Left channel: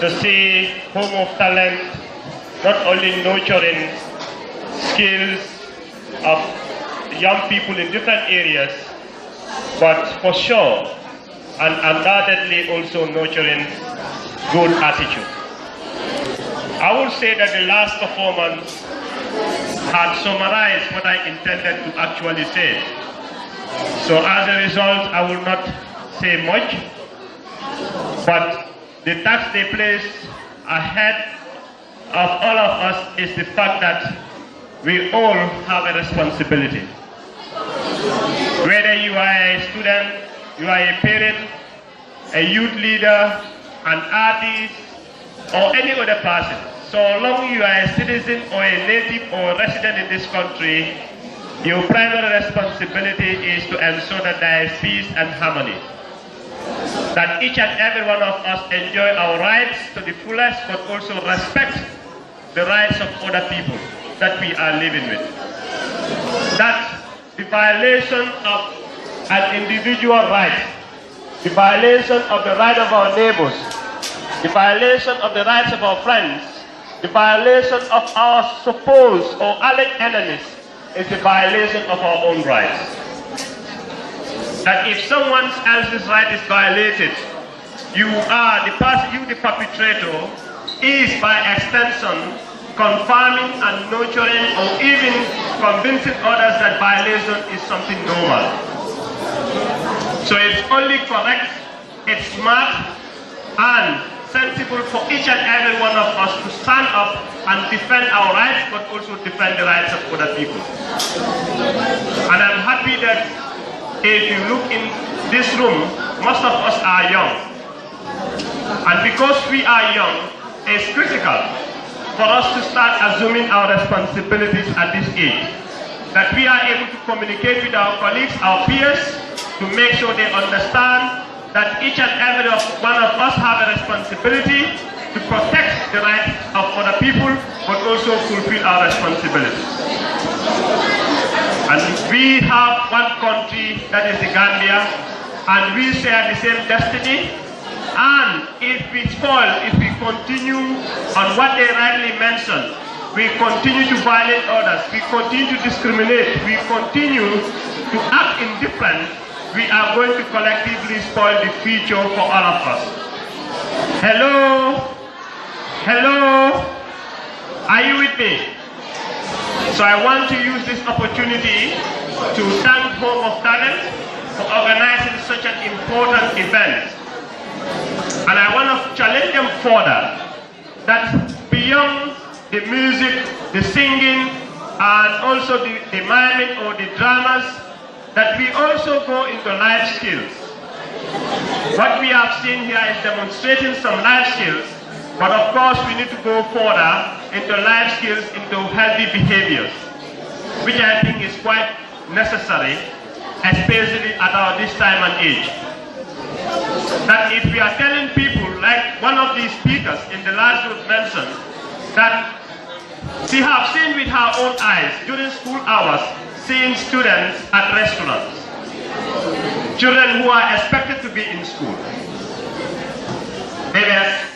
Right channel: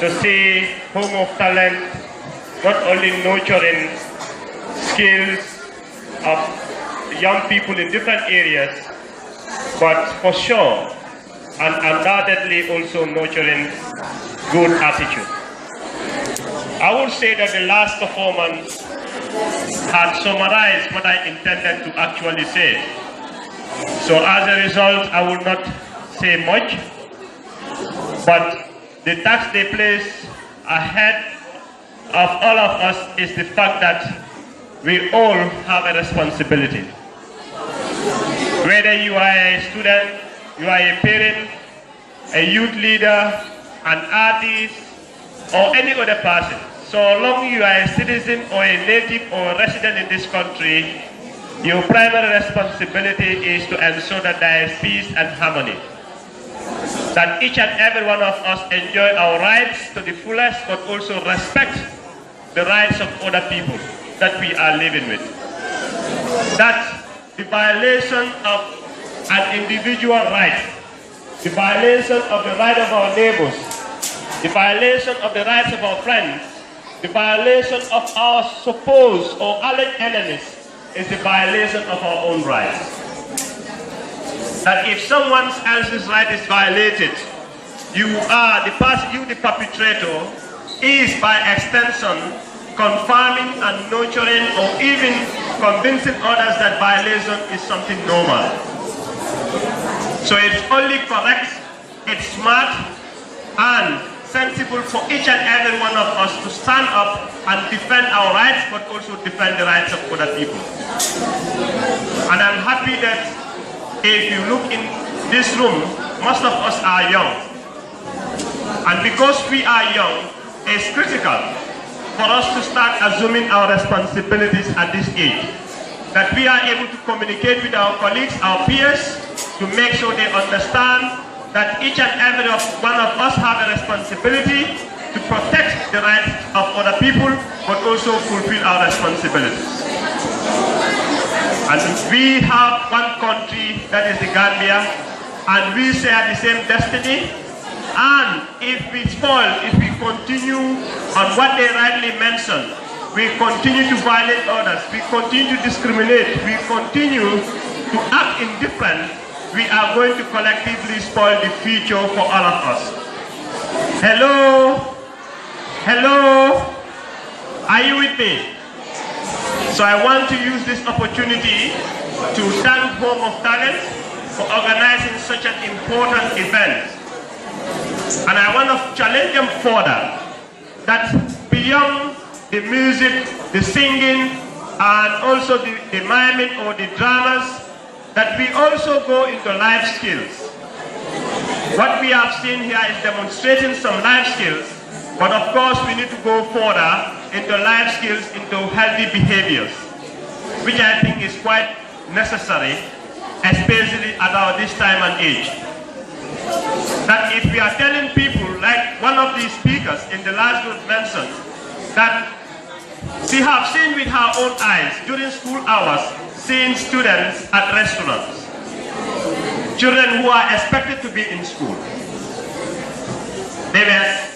to see Home of Talent not only nurturing skills of young people in different areas, but for sure and undoubtedly also nurturing good attitude. I would say that the last performance had summarized what I intended to actually say. So as a result, I will not say much, but the task they place ahead of all of us is the fact that we all have a responsibility. Whether you are a student, you are a parent, a youth leader, an artist, or any other person, so long you are a citizen or a native or a resident in this country, your primary responsibility is to ensure that there is peace and harmony. That each and every one of us enjoy our rights to the fullest, but also respect the rights of other people that we are living with. That the violation of an individual right, the violation of the right of our neighbors, the violation of the rights of our friends, the violation of our supposed or alleged enemies is the violation of our own rights. That if someone else's right is violated, you are the person, you the perpetrator, is by extension confirming and nurturing or even convincing others that violation is something normal. So it's only correct, it's smart and sensible for each and every one of us to stand up and defend our rights, but also defend the rights of other people. And I'm happy that if you look in this room, most of us are young. And because we are young, it's critical for us to start assuming our responsibilities at this age. That we are able to communicate with our colleagues, our peers, to make sure they understand that each and every one of us have a responsibility to protect the rights of other people, but also fulfill our responsibilities. And we have one country, that is the Gambia, and we share the same destiny. And if we spoil, if we continue on what they rightly mentioned, we continue to violate others, we continue to discriminate, we continue to act indifferent, we are going to collectively spoil the future for all of us. Hello? Hello? Are you with me? So I want to use this opportunity to thank Home of Talent for organizing such an important event. And I want to challenge them further that beyond the music, the singing, and also the miming or the dramas, that we also go into life skills. What we have seen here is demonstrating some life skills, but of course we need to go further into life skills, into healthy behaviors, which I think is quite necessary, especially at this time and age. That if we are telling people, like one of these speakers in the last group mentioned, that we have seen with our own eyes during school hours, seeing students at restaurants, children who are expected to be in school.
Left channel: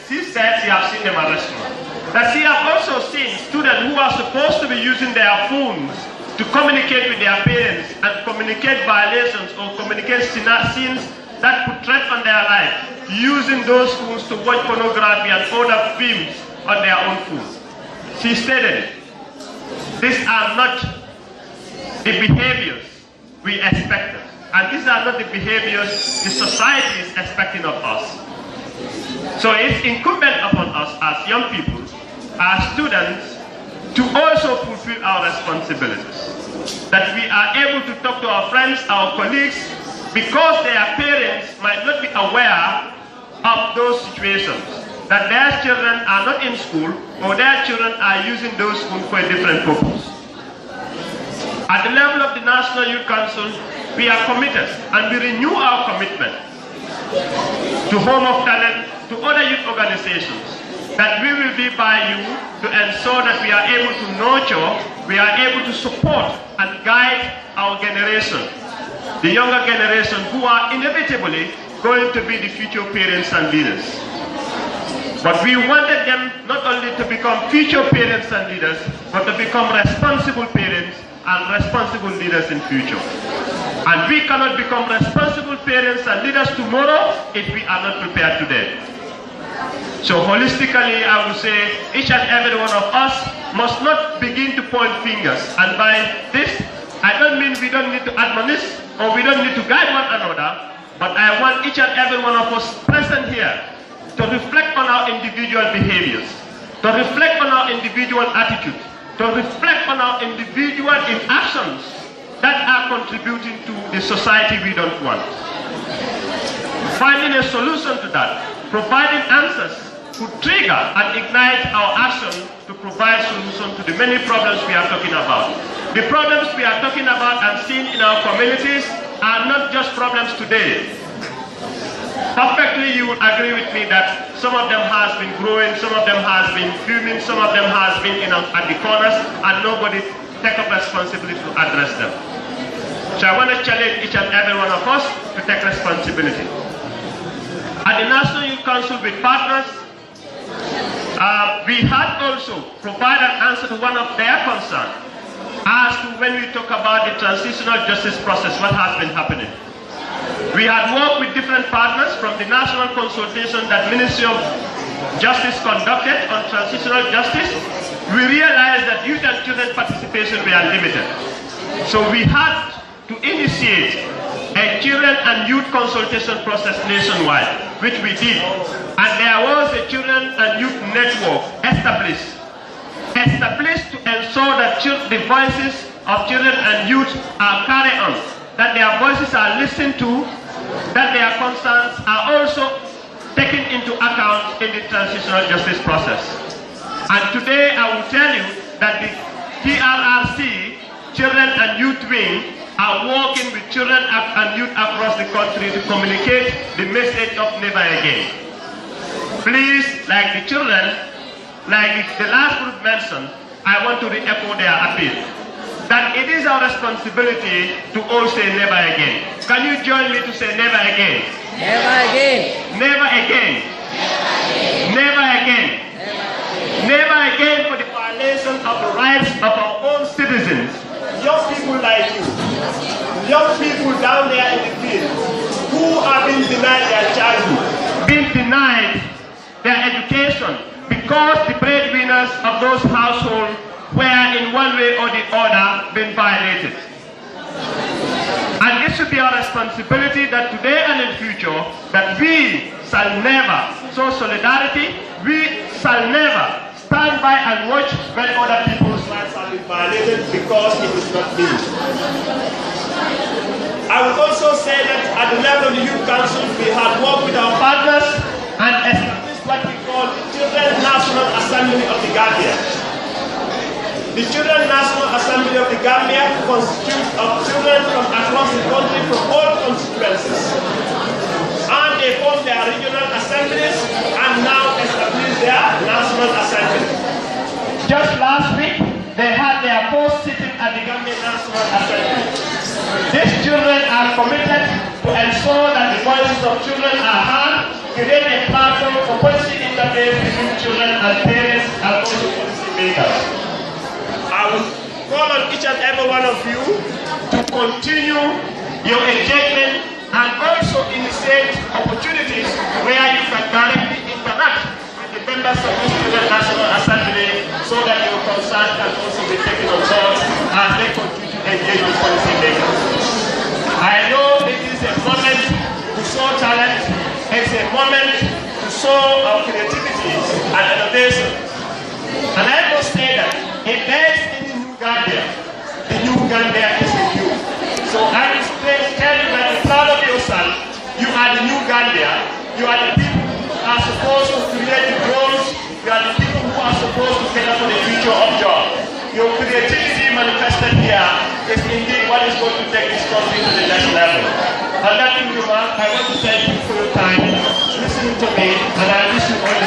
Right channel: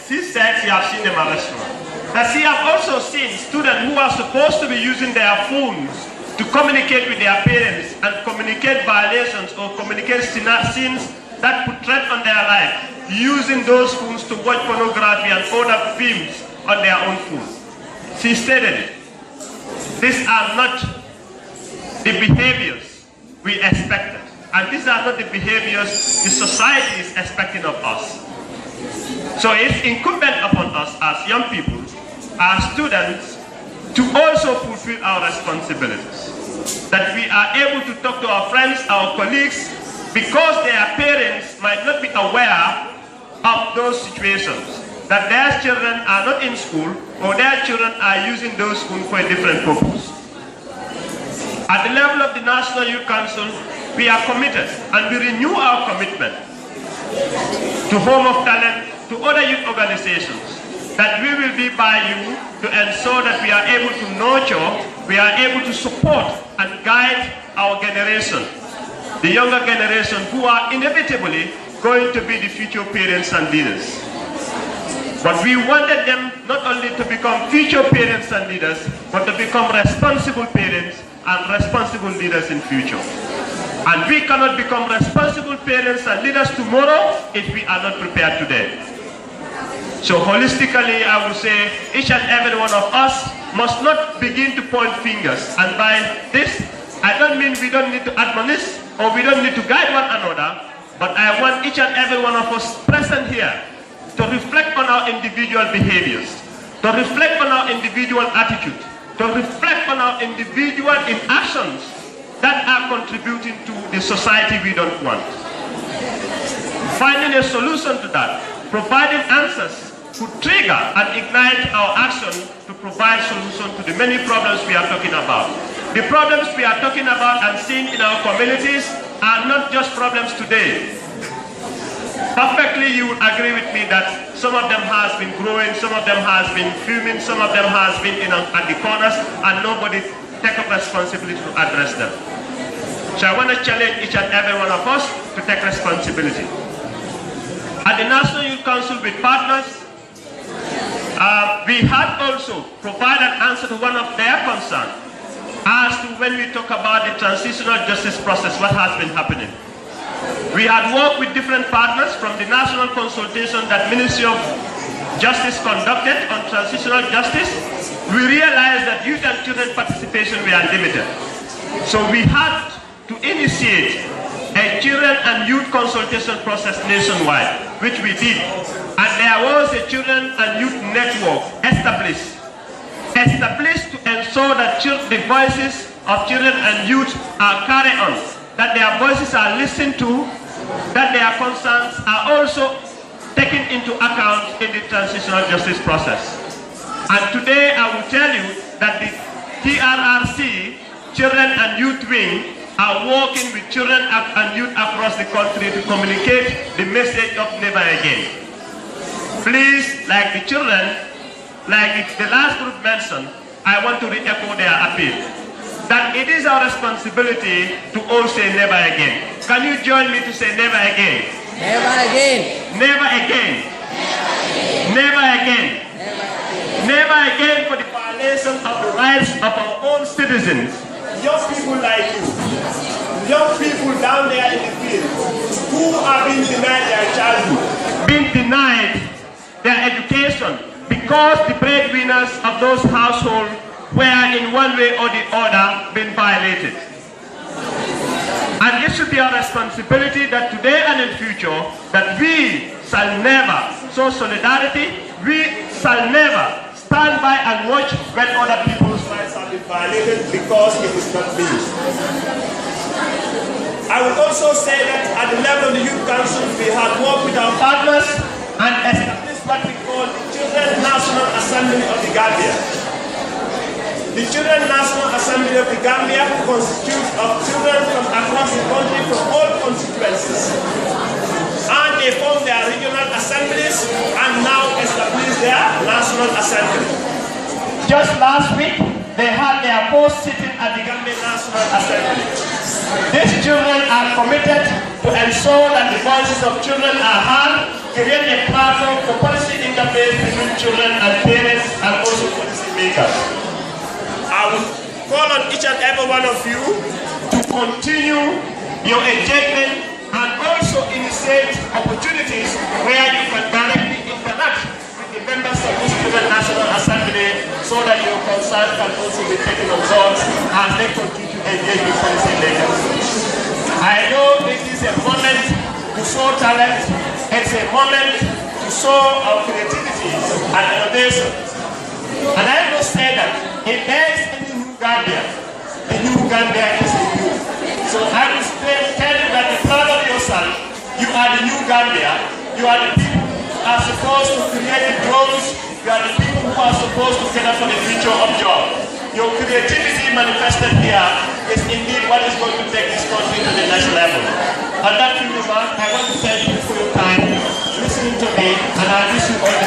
She said she has seen them at restaurants. That she have also seen students who are supposed to be using their phones to communicate with their parents and communicate violations or communicate scenes that put threat on their life, using those phones to watch pornography and other films on their own phones. She stated it. These are not the behaviors we expected. And these are not the behaviors the society is expecting of us. So it's incumbent upon us as young people, as students, to also fulfill our responsibilities. That we are able to talk to our friends, our colleagues, because their parents might not be aware of those situations. That their children are not in school, or their children are using those phones for a different purpose. At the level of the National Youth Council, we are committed, and we renew our commitment to Home of Talent, to other youth organizations, that we will be by you to ensure that we are able to nurture, we are able to support and guide our generation, the younger generation who are inevitably going to be the future parents and leaders. But we wanted them not only to become future parents and leaders, but to become responsible parents and responsible leaders in future. And we cannot become responsible parents and leaders tomorrow if we are not prepared today. So holistically, I would say each and every one of us must not begin to point fingers. And by this, I don't mean we don't need to admonish or we don't need to guide one another, but I want each and every one of us present here to reflect on our individual behaviors, to reflect on our individual attitude, to reflect on our individual inactions that are contributing to the society we don't want. Finding a solution to that, providing answers to trigger and ignite our action to provide solutions to the many problems we are talking about. The problems we are talking about and seeing in our communities are not just problems today. Perfectly, you would agree with me that some of them has been growing, some of them has been fuming, some of them has been at the corners, and nobody take up responsibility to address them. So I want to challenge each and every one of us to take responsibility. At the National Youth Council with partners, we had also provided an answer to one of their concerns as to when we talk about the transitional justice process, what has been happening. We had worked with different partners from the national consultation that Ministry of Justice conducted on transitional justice. We realized that youth and children participation were limited. So we had to initiate a children and youth consultation process nationwide, which we did. And there was a children and youth network established to ensure that the voices of children and youth are carried on, that their voices are listened to, that their concerns are also taken into account in the transitional justice process. And today I will tell you that the TRRC, Children and Youth Wing, are working with children and youth across the country to communicate the message of never again. Please, like the children, like the last group mentioned, I want to re-echo their appeal that it is our responsibility to all say never again. Can you join me to say never again? Never again. Never again. Never again. Never again for the violation of the rights of our own citizens. Young people like you, young people down there in the field who are being denied their childhood, being denied their education because the breadwinners of those households were in one way or the other being violated. And it should be our responsibility that today and in future that we shall never show solidarity, we shall never stand by and watch when other people's rights have been violated because it is not me. I would also say that at the level of the Youth Council, we have worked with our partners and established what we call the Children National Assembly of the Gambia. The Children National Assembly of the Gambia constitutes of children from across the country from all constituencies. And they form their regional assemblies and now establish their national assembly. Just last week, they had their first sitting at the Gambia National Assembly. These children are committed to ensure that the voices of children are heard, create a platform for policy interface between children and parents and also policy makers. I would call on each and every one of you to continue your engagement and also initiate opportunities where you can directly interact with the members of the Student National Assembly so that your concerns can also be taken on board as they continue to engage with policy makers. I know this is a moment to show talent, it's a moment to show our creativity and innovation. And I must say that if there is any new Gambia, the new Gambia is in you. So I will tell you that you're proud of yourself. You are the new Gambia. You are the people who are supposed to create the growth. You are the people who are supposed to cater for the future of job. Your creativity manifested here is indeed what is going to take this country to the next level. On that remark, I want to thank you for your time, listening to me, and I wish you all